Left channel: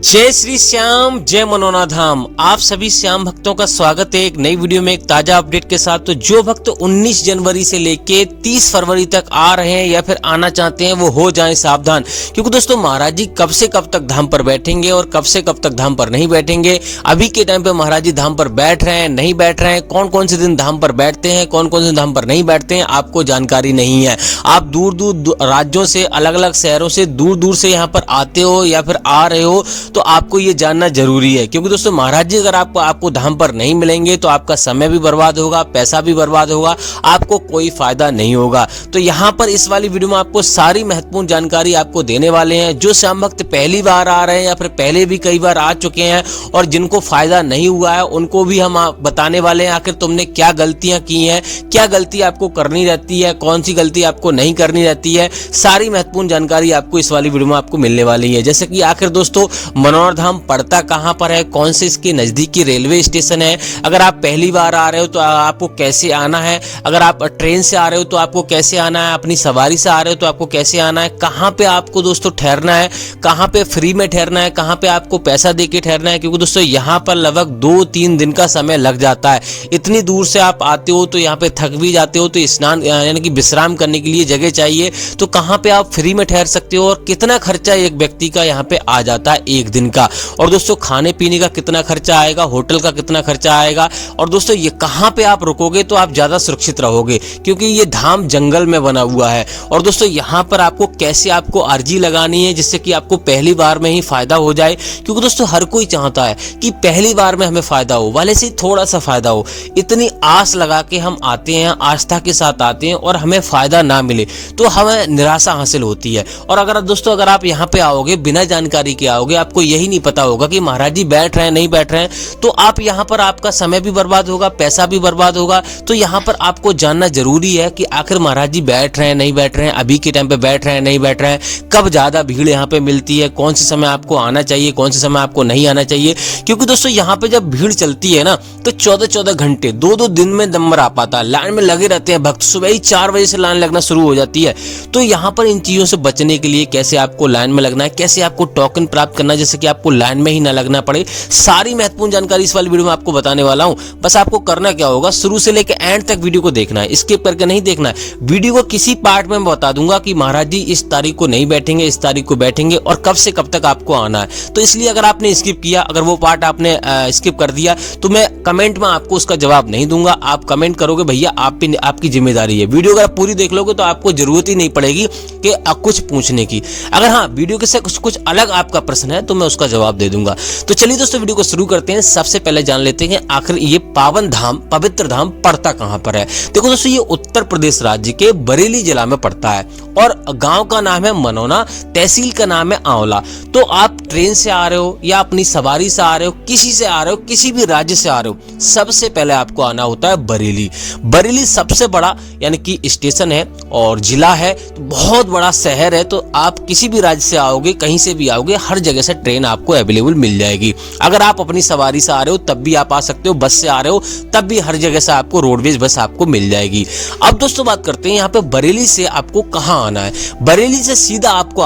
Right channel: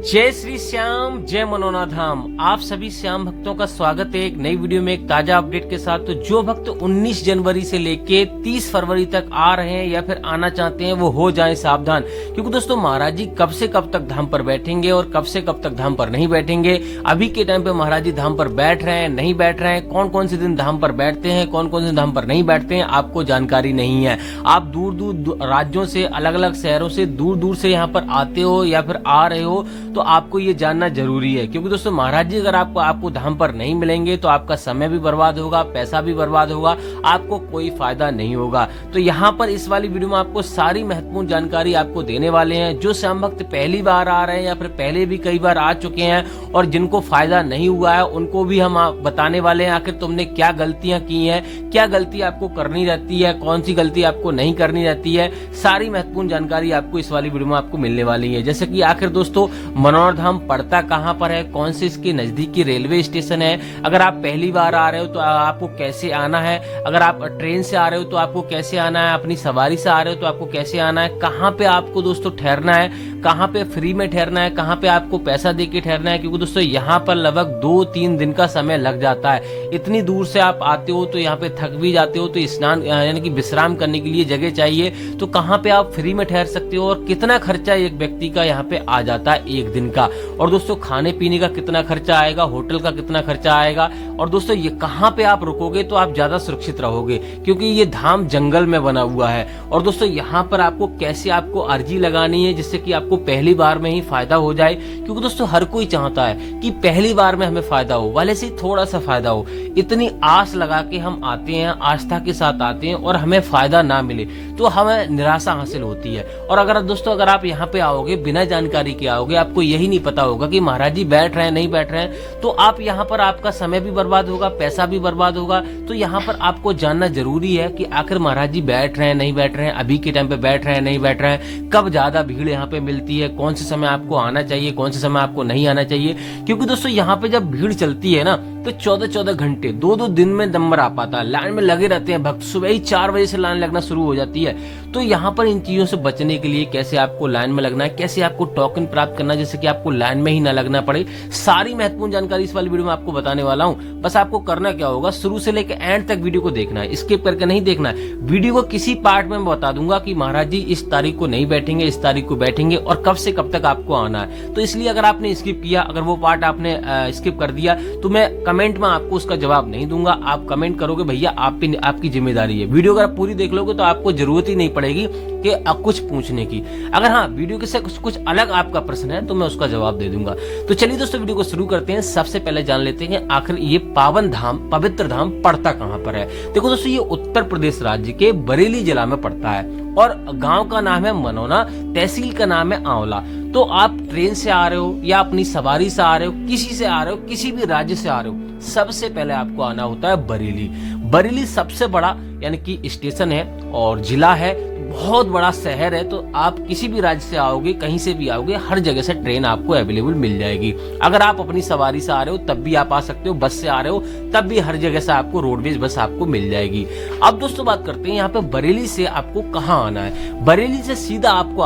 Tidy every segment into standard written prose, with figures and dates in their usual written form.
जय श्री श्याम, जय मनोना धाम। आप सभी श्याम भक्तों का स्वागत है एक नई वीडियो में एक ताजा अपडेट के साथ। तो जो भक्त 19 जनवरी से लेके 30 फरवरी तक आ रहे हैं या फिर आना चाहते हैं वो हो जाएं सावधान, क्योंकि दोस्तों महाराज जी कब से कब तक धाम पर बैठेंगे और कब से कब तक धाम पर नहीं बैठेंगे। अभी के टाइम पे महाराज जी धाम पर बैठ रहे हैं, नहीं बैठ रहे हैं, कौन कौन से दिन धाम पर बैठते हैं, कौन कौन से धाम पर नहीं बैठते हैं, आपको जानकारी नहीं है। आप दूर दूर राज्यों से, अलग अलग शहरों से, दूर दूर से यहाँ पर आते हो या फिर आ रहे हो तो आपको ये जानना जरूरी है, क्योंकि दोस्तों महाराज जी अगर आपको धाम पर नहीं मिलेंगे तो आपका समय भी बर्बाद होगा, पैसा भी बर्बाद होगा, आपको कोई फायदा नहीं होगा। तो यहाँ पर इस वाली वीडियो में आपको सारी महत्वपूर्ण जानकारी आपको देने वाले हैं। जो श्याम भक्त पहली बार आ रहे हैं या फिर पहले भी कई बार आ चुके हैं और जिनको फायदा नहीं हुआ है उनको भी हम बताने वाले हैं आखिर तुमने क्या गलतियां की हैं, क्या गलती आपको करनी रहती है, कौन सी गलती आपको नहीं करनी रहती है। सारी महत्वपूर्ण जानकारी आपको इस वाली वीडियो में आपको मिलने वाली है। जैसे कि आखिर दोस्तों मनोहर धाम पड़ता कहां पर है, कौन से इसके नजदीकी रेलवे स्टेशन है, अगर आप पहली बार आ रहे हो तो आपको कैसे आना है, अगर आप ट्रेन से आ रहे हो तो आपको कैसे आना है, अपनी सवारी से आ रहे हो तो आपको कैसे आना है, कहां पे आपको दोस्तों ठहरना है, कहां पे फ्री में ठहरना है, कहां पे आपको पैसा देके ठहरना है। क्योंकि दोस्तों यहां पर लगभग 2-3 दिन का समय लग जाता है। इतनी दूर से आप आते हो तो यहाँ पे थक भी जाते हो, तो स्नान यानी कि विश्राम करने के लिए जगह चाहिए। तो कहां पे आप फ्री में ठहर सकते हो और कितना खर्चा एक व्यक्ति का यहाँ पे आ जाता है एक दिन का, और दोस्तों खाने पीने का कितना खर्चा आएगा, होटल का कितना खर्चा आएगा, और दोस्तों ये कहां पे आप रुकोगे तो आप ज्यादा सुरक्षित रहोगे, क्योंकि ये धाम जंगल में बना हुआ है। और दोस्तों यहाँ पर आपको कैसे आपको अर्जी लगानी है जिससे कि आपको पहली बार में ही फायदा हो जाए, क्योंकि दोस्तों हर कोई चाहता है कि पहली बार में हमें फायदा हो, वाले से थोड़ा सा फायदा हो। इतनी आस लगा के हम आते हैं, आस्था के साथ आते हैं और हमें फायदा ना मिले तो हमें निराशा हासिल होती है। और अगर दोस्तों अगर आप यहाँ पे आओगे बिना जानकारी के आओगे, आपको यही नहीं पता होगा कि महाराज जी बैठ रहे हैं नहीं बैठ रहे हैं, तो आप यहाँ पर आपका समय भी बर्बाद होगा, पैसा भी बर्बाद होगा। तो यहाँ पर आपको जानना जरूरी है कि आखिर महाराज जी बैठ रहे हैं नहीं बैठ रहे हैं, अभी के टाइम पे बैठ रहे हैं नहीं बैठ रहे हैं, कब ज्यादा भीड़ यहाँ पे मिलती है, कौन से समय आपको आना चाहिए, कौन से समय आपको नहीं आना चाहिए। क्योंकि दोस्तों यहाँ पे जब भीड़ चलती है ना तो 14-14 घंटे 2-2 दिन में नंबर आ पाता है, लाइन में लगे रहते हैं भक्त, सुबह ही 4 बजे से लाइन लगना शुरू हो जाती है। तो यहाँ पर इन चीजों से बचने के लिए कैसे आपको लाइन में लगना है, कैसे आपको टोकन प्राप्त करना है जैसे कि आपको लाइन में ही ना लगना पड़े, सारी महत्वपूर्ण जानकारी इस वाली वीडियो में आपको बताने वाला हूं। बस आपको करना क्या होगा, शुरू से लेकर एंड तक वीडियो को देखना है, स्किप करके नहीं देखना है। वीडियो को किसी पार्ट में मैं बता दूंगा कि महाराज जी इस तारीख को नहीं बैठेंगे, इस तारीख को बैठेंगे और कब से कब तक आपको आना है। तो इसलिए अगर आपने स्किप किया, अगर वो पार्ट आपने स्किप कर दिया तो मैं कमेंट में आपको उसका जवाब नहीं दूंगा। आप कमेंट करोगे भैया आपकी जिम्मेदारी है। वीडियो अगर पूरी देख लोगे तो आपको जरूरत ही नहीं पड़ेगी कि कुछ पूछने की। अगर हाँ वीडियो के से कुछ अलग आपका प्रश्न है तो मैं उसका जवाब दे दूंगा। तो चलिए दोस्तों वीडियो को शुरू करते हैं। सबसे पहले जान लेते हैं आखिर ये पावन धाम, पवित्र धाम पड़ता कहां पर है। देखो दोस्तों ये उत्तर प्रदेश राज्य के बरेली जिला में पड़ता है और गांव का नाम है मनोना, तहसील का नाम है आंवला। तो आप ट्रेन से आ रहे हो या अपनी सवारी से आ रहे हो, किसी से आ रहे हो, किसी भी राज्य से आ रहे हो, सबसे पहले आपको आना होता है बरेली। बरेली सबसे बड़ा यानी कि स्टेशन है और जिला है, बहुत बड़ा शहर है। तो आप किसी भी राज्य से आओगे, कहीं से भी आओगे, हर जगह से ट्रेन आपको अवेलेबल मिल जाएगी। अगर आप अपनी सवारी से आ रहे हो तब भी आप आ सकते हो, बस से आ रहे हो तब भी हर जगह से आपको रोडवेज बस आपको मिल जाएगी। अब दोस्तों बात करते हैं यहाँ पे बरेली से आपको कहाँ आना है। बरेली से सीधा आपको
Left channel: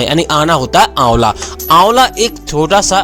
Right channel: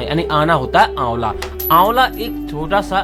यानी आना होता है आंवला। आंवला एक छोटा सा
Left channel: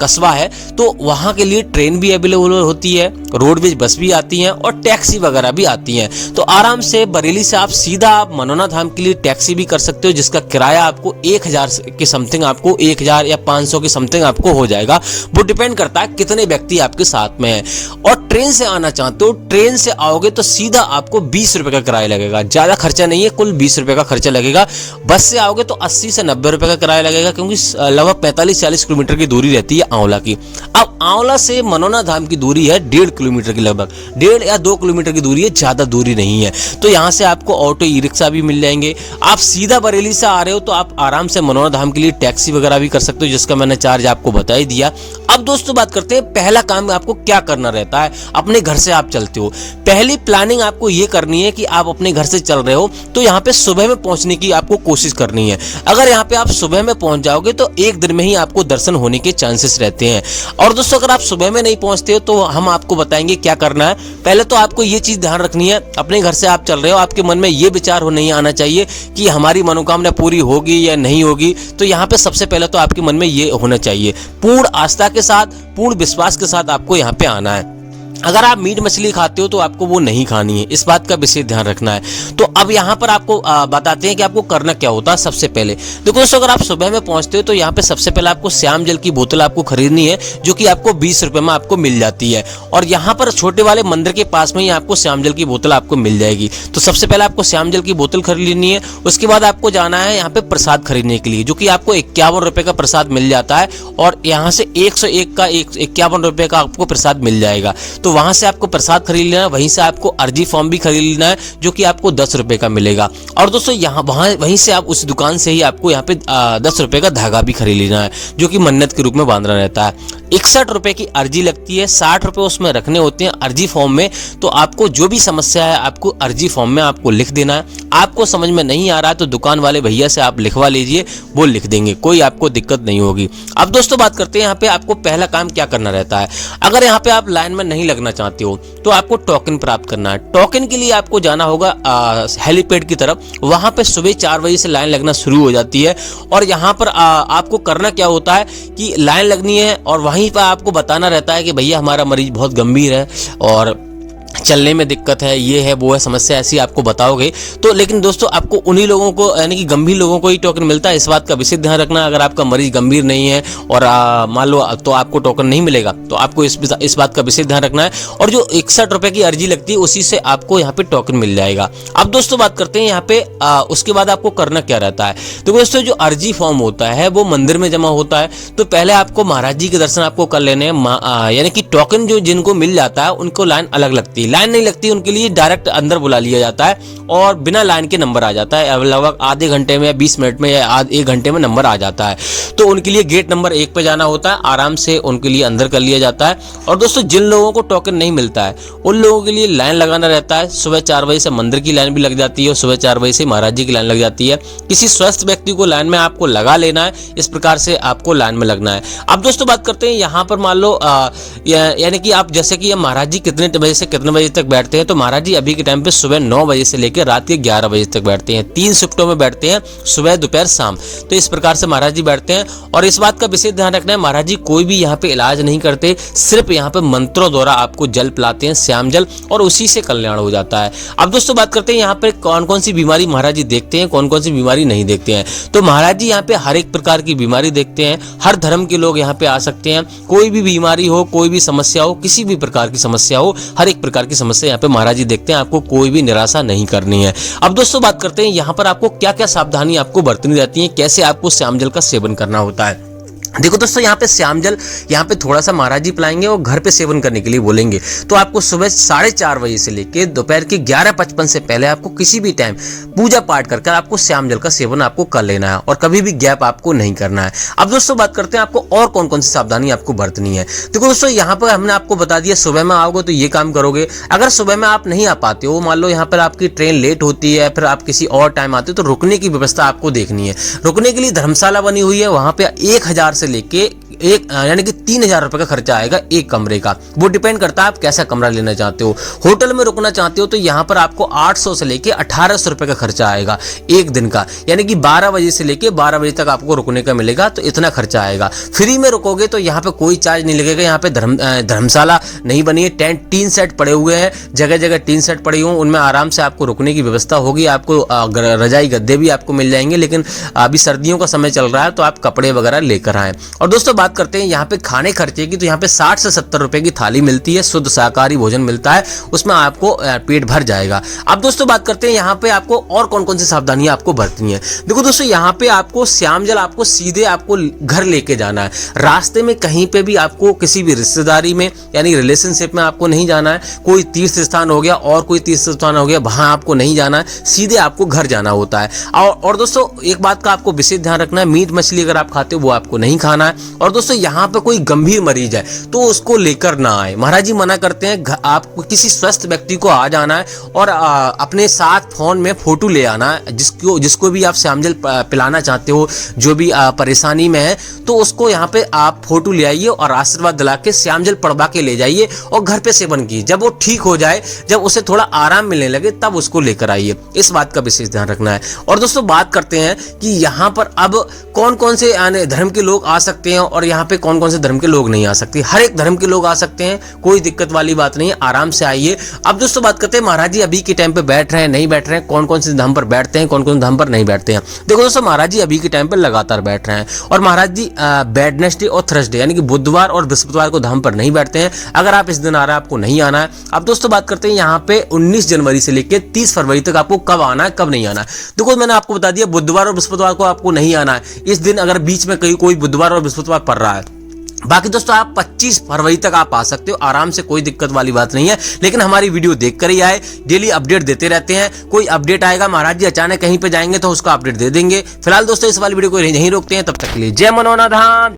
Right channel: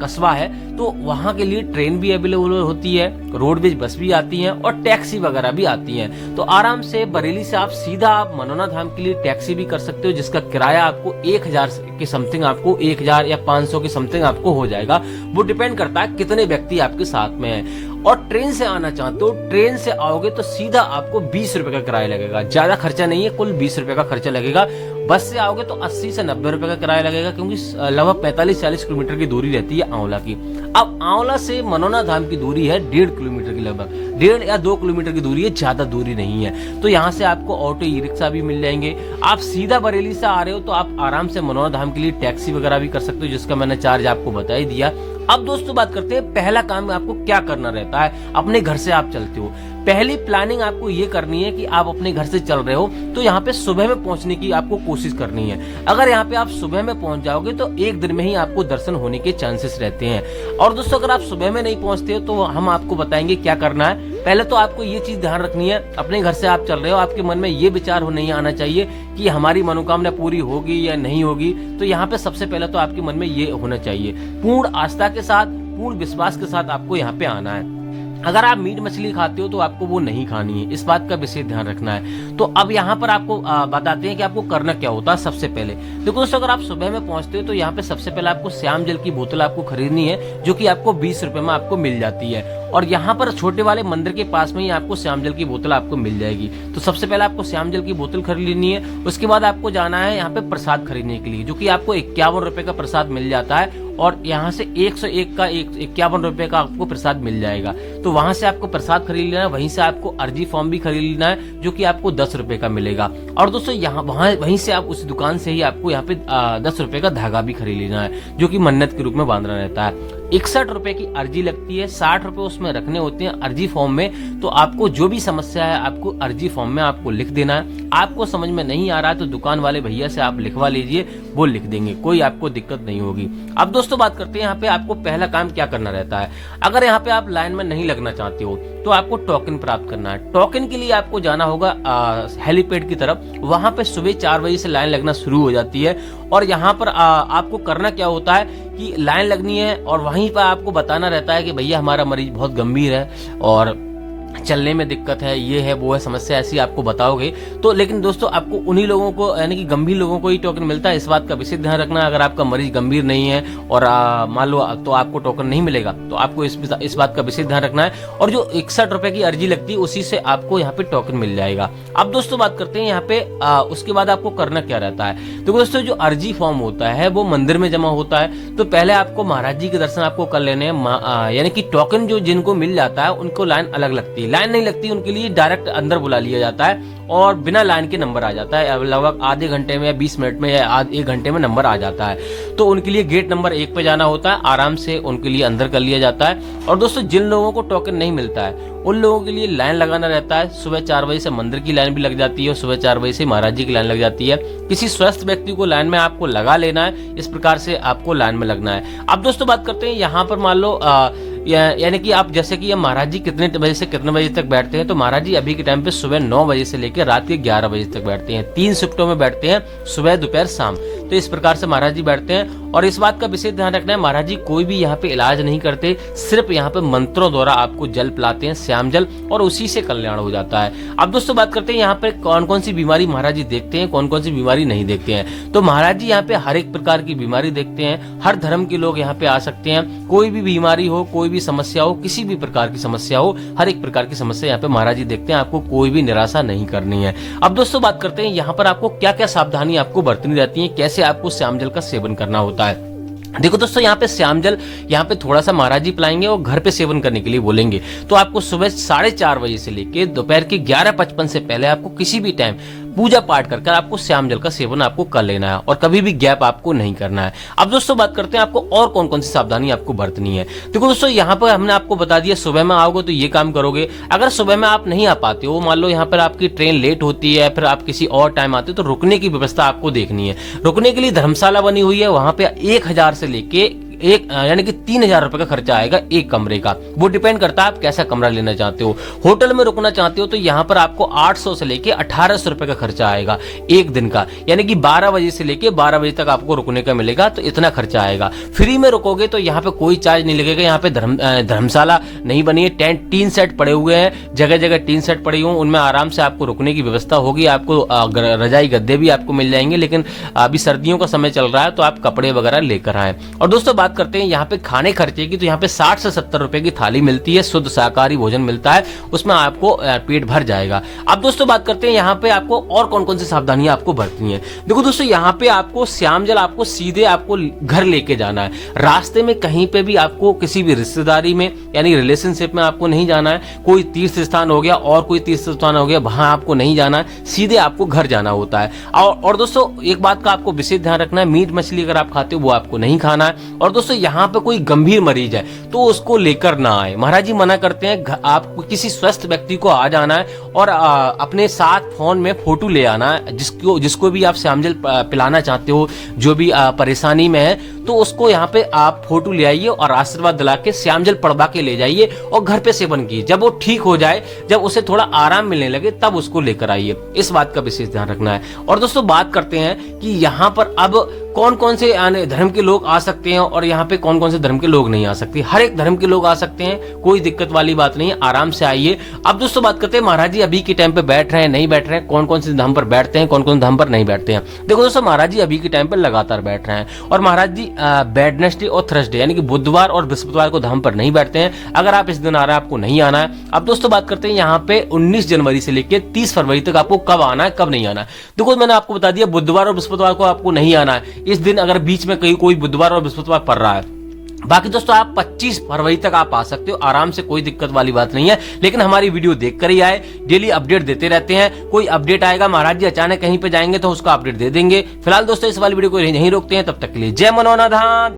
कस्बा है, तो वहां के लिए ट्रेन भी अवेलेबल होती है, रोडवेज बस भी आती है और टैक्सी वगैरह भी आती है। तो आराम से बरेली से आप सीधा मनोना धाम के लिए टैक्सी भी कर सकते हो, जिसका किराया आपको 1000 के समथिंग, आपको 1000 या 500 के समथिंग आपको हो जाएगा। वो डिपेंड करता है कितने व्यक्ति आपके साथ में है। और ट्रेन से आना चाहते हो, ट्रेन से आओगे तो सीधा आपको 20 रुपए का किराया लगेगा, ज्यादा खर्चा नहीं है, कुल 20 रुपए का खर्चा लगेगा। बस से आओगे तो 80 से 90 रुपए का किराया लगेगा, क्योंकि लगभग 45-40 किलोमीटर की दूरी रहती है आंवला की। अब आंवला से मनोना धाम की दूरी है 1.5 किलोमीटर की, लगभग 1.5 या 2 किलोमीटर की दूरी है, ज्यादा दूरी नहीं है। तो यहाँ से आपको ऑटो, ई रिक्शा भी मिल जाएंगे। आप सीधा बरेली से आ रहे हो तो आप आराम से मनोना धाम के लिए टैक्सी वगैरह भी कर सकते हो, जिसका मैंने चार्ज आपको बता ही दिया। अब दोस्तों बात करते हैं पहला काम आपको क्या करना रहता है। अपने घर से आप चलते हो, पहली प्लानिंग आपको ये करनी है कि आप अपने घर से चल रहे हो तो यहाँ पे सुबह में पहुंचने की आपको कोशिश करनी है। अगर यहाँ पे आप सुबह में पहुंच जाओगे तो एक दिन में ही आपको दर्शन होने के चांसेस रहते हैं। और दोस्तों अगर आप सुबह में नहीं पहुंचते हो तो हम आपको बताएंगे क्या करना है। पहले तो आपको ये चीज ध्यान रखनी है, अपने घर से आप चल रहे हो, आपके मन में ये विचार नहीं आना चाहिए कि हमारी मनोकामना पूरी होगी या नहीं होगी। तो यहाँ पे सबसे पहले तो आपको आपके मन में ये होना चाहिए। पूर्ण आस्था के साथ, पूर्ण विश्वास के साथ आपको यहाँ पे आना है। अगर आप मीट मछली खाते हो तो आपको वो नहीं खानी है, इस बात का विशेष ध्यान रखना है। तो अब यहाँ पर आपको बताते हैं कि आपको करना क्या होता है। सबसे पहले देखो दोस्तों, अगर आप सुबह में पहुंचते हो तो यहाँ पे सबसे पहले आपको श्याम जल की बोतल आपको खरीदनी है, जो कि आपको 20 रुपए में आपको मिल जाती है। और यहाँ पर छोटे वाले मंदिर के पास में ही आपको श्याम जल की बोतल आपको मिल जाएगी। तो सबसे पहले आपको श्याम जल की बोतल खरीद लेनी है। उसके बाद आपको जाना है यहाँ पे प्रसाद खरीदने के लिए, जो कि आपको 51 रुपए का प्रसाद मिल जाता है। और यहाँ से 101 का 51 रुपए का आपको प्रसाद मिल जाएगा। तो वहां से आपको प्रसाद खरीद लेना है। वहीं से आपको अर्जी फॉर्म भी खरीद लेना है, जो कि आपको 10 रुपए का मिलेगा। और दोस्तों यहाँ वहीं से आप उस दुकान से ही आपको यहाँ पे 10 रुपए का धागा भी खरीद लेना है, जो कि मन्नत के रूप में बांधना रहता है। 61 रुपए की अर्जी लगती है, 60 रुपए उसमें रखने होते हैं अर्जी फॉर्म में। तो आपको जो भी समस्या है आपको अर्जी फॉर्म में आपको लिख देना है। आपको समझ में नहीं आ रहा है तो दुकान वाले भैया से आप लिखवा लीजिए, वो लिख देंगे, कोई आपको दिक्कत नहीं होगी। अब दोस्तों बात करते हैं यहाँ पे आपको पहला काम क्या करना रहता है। अगर यहाँ पे आप लाइन में नहीं लगना चाहते हो तो आपको टोकन प्राप्त करना है। टोकन के लिए आपको जाना होगा हेलीपैड की तरफ। वहां पे सुबह 4 बजे से लाइन लगना शुरू हो जाती है। और यहाँ पर आपको करना क्या होता है कि लाइन लगनी है और वहीं पर आपको बताना रहता है कि भैया हमारा मरीज बहुत गंभीर है और चलने में दिक्कत है, ये है वो है, समस्या ऐसी आपको बताओगे। तो लेकिन दोस्तों आपको उन्हीं लोगों को यानी कि गंभीर लोगों को ही टोकन मिलता है, इस बात का विशेष ध्यान रखना। अगर आपका मरीज गंभीर नहीं है और मान लो तो आपको टोकन नहीं मिलेगा, तो आपको इस बात का विशेष ध्यान रखना है। और जो 61 रुपए की अर्जी लगती है उसी से आपको यहाँ पे टोकन मिल जाएगा। अब दोस्तों बात करते हैं यहाँ पे उसके बाद आपको करना क्या रहता है। तो दोस्तों जो अर्जी फॉर्म होता है वो मंदिर में जमा होता है। तो पहले आपको महाराज जी के दर्शन आपको कर लेने हैं, यानी कि टोकन जो जिनको मिल जाता है उनको लाइन अलग लगती है। लाइन नहीं लगती, उनके लिए डायरेक्ट अंदर बुला लिया जाता है और बिना लाइन के नंबर आ जाता है। लगभग आधे घंटे में या 20 मिनट में या 1 घंटे में नंबर आ जाता है। तो उनके लिए गेट नंबर 1 पे जाना होता है, आराम से उनके लिए अंदर कर लिया जाता है। और दोस्तों जिन लोगों को टोकन नहीं मिलता है उन लोगों के लिए लाइन लगाना रहता है। सुबह 4 बजे से मंदिर की लाइन भी लग जाती है और सुबह 4 बजे से महाराज जी की लाइन लग जाती है। किसी स्वस्थ व्यक्ति को लाइन में आपको लगा लेना है, इस प्रकार से आपको लाइन में लगना है। अब दोस्तों बात करते हैं यहाँ पर मान लो यानी कि आप जैसे कि महाराज जी कितने बजे से कितने बजे तक बैठते हैं। तो महाराज जी अभी के टाइम पे सुबह 9 बजे से लेकर रात के 11 बजे तक बैठते हैं। 3 शिफ्टों में बैठते हैं, सुबह दोपहर शाम। तो इस प्रकार से महाराज जी बैठते हैं। और इस बात का विशेष ध्यान रखना है, महाराज जी कोई भी यहाँ पे इलाज नहीं करते, सिर्फ यहाँ पे मंत्रों द्वारा आपको जल पिलाते हैं, श्याम जल, और उसी से कल्याण हो जाता है। अब दोस्तों बात करते हैं यहाँ पे कौन कौन सी बीमारी महाराज जी देखते हैं, कौन कौन सी बीमारी नहीं देखते हैं। तो महाराज जी यहाँ पे हर एक प्रकार की बीमारी देखते हैं। हर धर्म के लोग यहाँ पे आ सकते हैं। कोई भी बीमारी हो, कोई भी समस्या हो, किसी भी प्रकार की समस्या हो, हर एक प्रकार की समस्या यहाँ पे महाराज जी देखते हैं। आपको कोई भी निराशा नहीं करनी है। अब दोस्तों बात करते हैं यहाँ पर आपको क्या क्या सावधानी आपको बरतनी रहती है, कैसे आपको श्याम जल का सेवन करना होता है। देखो दोस्तों यहाँ पे श्याम जल यहाँ पे थोड़ा सा महाराज जी पिलाएंगे और घर पे सेवन करने के लिए बोलेंगे। तो आपको सुबह 4:30 बजे से लेके दोपहर के 11:55 से पहले आपको किसी भी टाइम पूजा पाठ करके आपको श्याम जल का सेवन आपको कर लेना है और कभी भी गैप आपको नहीं करना है। अब दोस्तों बात करते हैं आपको और कौन कौन सी सावधानी आपको बरतनी है। देखो दोस्तों यहाँ पर हमने आपको बता दिया, सुबह में आओगे तो ये काम करोगे। अगर सुबह में आप नहीं आ पाते हो, मान लो यहाँ पर आपकी ट्रेन लेट होती है, फिर आप किसी और टाइम आते हो, तो रुकने की व्यवस्था आपको देखनी है। रुकने के लिए धर्मशाला बनी हुई है, वहां पे 1000 से लेके यानी कि 3000 रुपए का खर्चा आएगा एक कमरे का। वो डिपेंड करता है आप कैसा कमरा लेना चाहते हो। होटल में रुकना चाहते हो तो यहाँ पर आपको 800 से लेके 1800 रुपए का खर्चा आएगा एक दिन का, यानी कि 12 बजे से लेके 12 बजे तक आपको रुकने का मिलेगा, तो इतना खर्चा आएगा। फ्री में रुकोगे तो यहाँ पे कोई चार्ज नहीं लगेगा। यहाँ पे धर्मशाला नहीं बनी है, टेंट टीन सेट पड़े हुए हैं, जगह जगह टीन सेट पड़ी हुई, उनमें आराम से आपको रुकने की व्यवस्था होगी। आपको रजाई गद्दे भी आपको मिल जाएंगे, लेकिन अभी सर्दियों का समय चल रहा है तो आप कपड़े वगैरह लेकर आए। और दोस्तों बात करते हैं यहाँ पे खाने खर्चे की, तो यहाँ पे 60 से 70 रुपए की थाली मिलती है, शुद्ध शाकाहारी भोजन मिलता है, उसमें आपको पेट भर जाएगा। अब दोस्तों बात करते हैं यहाँ पे आपको और कौन कौन सी सावधानियां आपको बरतनी है। देखो दोस्तों यहाँ पे आपको श्याम जल आपको सीधे आपको घर लेके जाना है। रास्ते में कहीं पे भी आपको किसी भी रिश्तेदारी में यानी रिलेशनशिप में आपको नहीं जाना है। कोई तीर्थ स्थान हो गया और कोई तीर्थ स्थान हो गया, वहां आपको नहीं जाना है, सीधे आपको घर जाना होता है। और दोस्तों एक बात का आपको विशेष ध्यान रखना है, मीट मछली अगर आप खाते हो वो आपको नहीं खाना है। और दोस्तों यहाँ पे कोई गंभीर मरीज है तो उसको लेकर ना आए। महाराज जी मना करते हैं, आपको किसी स्वस्थ व्यक्ति को आ जाना है और अपने साथ फोन में फोटो ले आना है। जिसको भी आप श्यामजल पिलाना चाहते हो, जो भी परेशानी में है, तो उसको यहाँ पे आप फोटो ले आइए और आशीर्वाद दिला के श्यामजल पड़वा के ले जाइए और घर पे सेवन कीजिए। जब वो ठीक हो जाए, जब उसे थोड़ा आराम मिलने लगे, तब उसको लेकर आइए। इस बात का विशेष ध्यान रखना है। और दोस्तों बात करते हैं कि यहाँ पर अब कौन कौन से धर्म के लोग आ सकते हैं और यहाँ पे कौन कौन से धर्म के लोग नहीं आ सकते। हर एक धर्म के लोग आ सकते हैं, कोई दिक्कत वाली बात नहीं है, आराम से आइए। अब दोस्तों बात करते हैं महाराज जी अभी के टाइम पे बैठ रहे हैं नहीं बैठ रहे हैं, कौन कौन से धाम पर बैठते हैं, कौन कौन धाम पर नहीं बैठते हैं। देखो दोस्तों महाराज जी अभी के टाइम पर लगातार बैठ रहे हैं और महाराज जी वेडनेसडे और थर्सडे यानी कि बुधवार और बृहस्पतिवार को धाम पर नहीं बैठते हैं। अगर आप इस दिन आ रहे हैं, आपको नहीं आना है। अब दोस्तों बात करते हैं यहाँ पे 19 जनवरी से लेकर 30 फरवरी तक आपको कब आना है, कब नहीं आना है। देखो मैंने आपको बता दिया, बुधवार और बृहस्पतिवार को आपको नहीं आना है इस दिन, अगर बीच में कहीं कोई बुधवार और बृहस्पतिवार पड़ रहा है। बाकी दोस्तों आप 25 फरवरी तक आप आ सकते हो आराम से, कोई दिक्कत वाली बात नहीं है। लेकिन हमारी वीडियो देखकर ही आए, डेली अपडेट देते रहते हैं। कोई अपडेट आएगा, महाराज जी अचानक कहीं पे जाएंगे तो उसका अपडेट दे देंगे। फिलहाल दोस्तों इस वाली वीडियो को यहीं रोकते हैं, तब तक के लिए जय मनोनाधाम।